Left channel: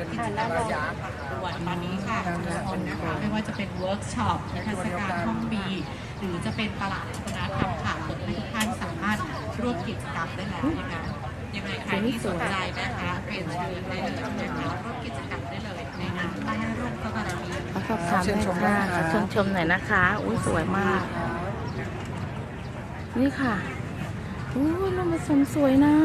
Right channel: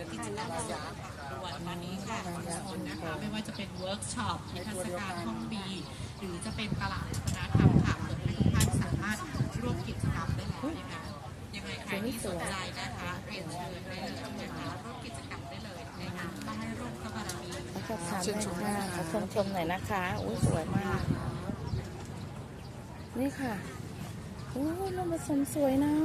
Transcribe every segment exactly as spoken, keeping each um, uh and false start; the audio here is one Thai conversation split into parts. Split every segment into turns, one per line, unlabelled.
เป็น
ค่ะด้านรอง
ระยะ
ส่วนตอนนี้ค่ะทุกคนนะคะไม่ว่าจะเป็นเวิร์กช็อปนิทรรศการห้องบีหรือจะเป็นตลาดวัฒนธรรมค่ะเปิดให้ทุกท่านสามารถร่วมกิจกรรมได้แล้วนะคะยังไงใครที่สนใจนะคะเรียนเชิญได้เลยนะคะร่วมกิจกรรมได้เลยในงานใต้ร่มพระบารมี
ขอสอบถามหน่อยค่ะชมชมหน่อยนะคะอุ้ยสวยมาก นี่ค่ะอุ้ยน้ำผสมสวยนะ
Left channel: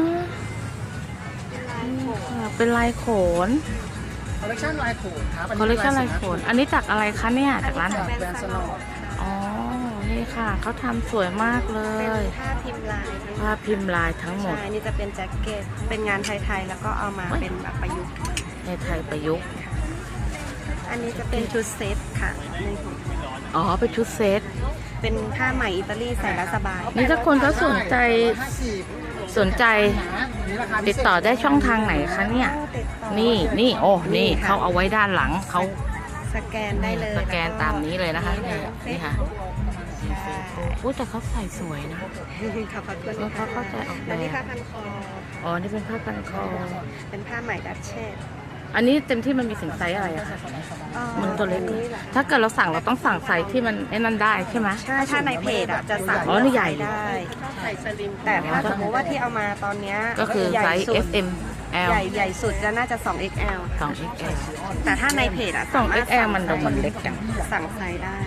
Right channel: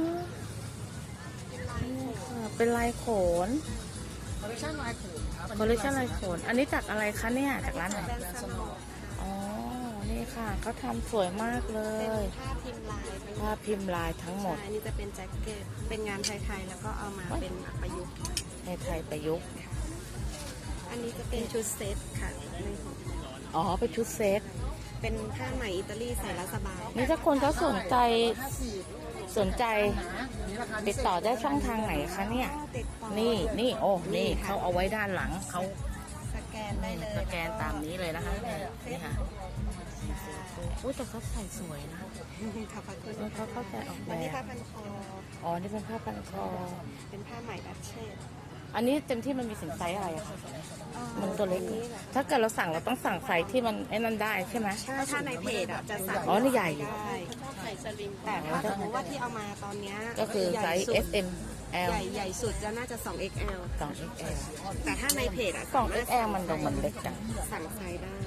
นี่ค่ะเป็นลายโขน
คอลเลคชันลายโขนครับ
คอลเลคชันลายโขน อันนี้จากอะไรคะเนี่ยจากร้านไหน
แบรนด์สโนว์
อ๋อ นี่ค่ะเขาทำสวยมากเล
เป็น
ย
ผ้าพิมพ์ลาย
ผ้าพิมพ์ลายทั้งหมด
ใช่นี่จะเป็นแจ็คเก็ตเป็นงานไทยๆแล้วก็เอามาเป็นแบบประยุกต์
ในไทยประยุกต์
อันนี้จะเป็นชุดเซตค่ะนี่
อ๋อเป็นชุดเซต
เป็นผ้าไหมอิตาลีใส่แล้วสบาย
นี่ถ้าคนเขาสนใจสนใจติดต่อได้ช่องทางไหนคะเนี่ย
ติดต่อ
นี่นี่โอ้นี่
ค่ะ
เขาเอาไว้ด้านหลังเขา
สแกนได้เลย
สแกนตามนี้เลยนะคะนี่ค่ะ
ใช่
โอ้แต่เขาใส่สวยนะ
ขอบพระคุณ
เออเขา
ค่ะ
เข้าใจออกแบบ
อันนี้ผ้าพันคอ
อ๋อนี่เป็นผ้าพันคอ
เป็นผ้าไหมดัชเชส
อันนี้เต็มที่มันมีถึงไซส์อะไรอะคะมันตัวเล็กถ้าเกิดเราสั่งเราต้องสั่งไซส์ที่มันไอ้นั่นได้ใช่ไหม
ใช่ถ้าในเพจอ่ะจะสั่ง
อ๋อนี่ใหญ่
ได้ แต่ถ้าสมมติว่าที่เอามาตอนเนี้ย
ก็คือ
ใหญ่
ไซส์
สุด
เอส เอ็ม แอล
ใหญ่ใหญ่สุดจะน่าจะ สอง เอ็กซ์ แอล
สอง เอ็กซ์ แอล
แต่ถ้าในเพจอ่ะ
สอง
สามารถ
เอ็กซ์ แอล มันดูมันเล็กจัง
สั่งไซส์ได้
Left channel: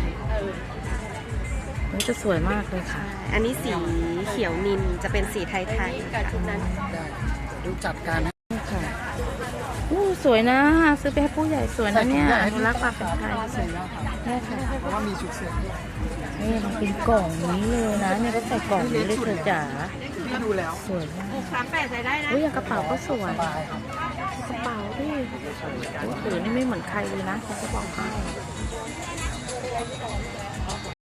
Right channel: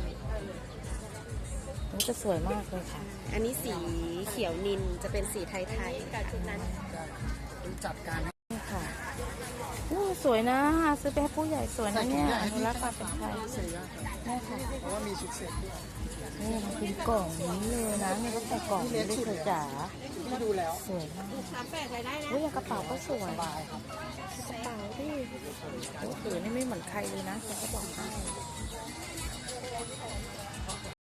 นี่จะสวยมากเลยค่ะ
อันนี้สีเขียวนินจะเป็นสีไทยๆค่ะ
รู้จัดการ
ค่ะโอ้สวยนะซื้อไปให้ผู้ใหญ่สวยนะเนี่ยอนุรักษ์ความเป็นไทย
เสียครับ
เนี่ยค่ะ
เพราะว่ามีชุดเสื้อด้วย
นี่มันเป็นกล่องนี้เลยนะเนี่ยก็ใส่กล่องนี้เลยเธอจ๋า
ที่ดูแล้ว
สวยมาก
สามแปดใส่ได้นะ
อุ้ยอย่างกระเป๋าก็สวย
สบายครับ
กระเป๋าที่ถือนี่ไม่เหมือนใครเลยนะฉันจะบอกให้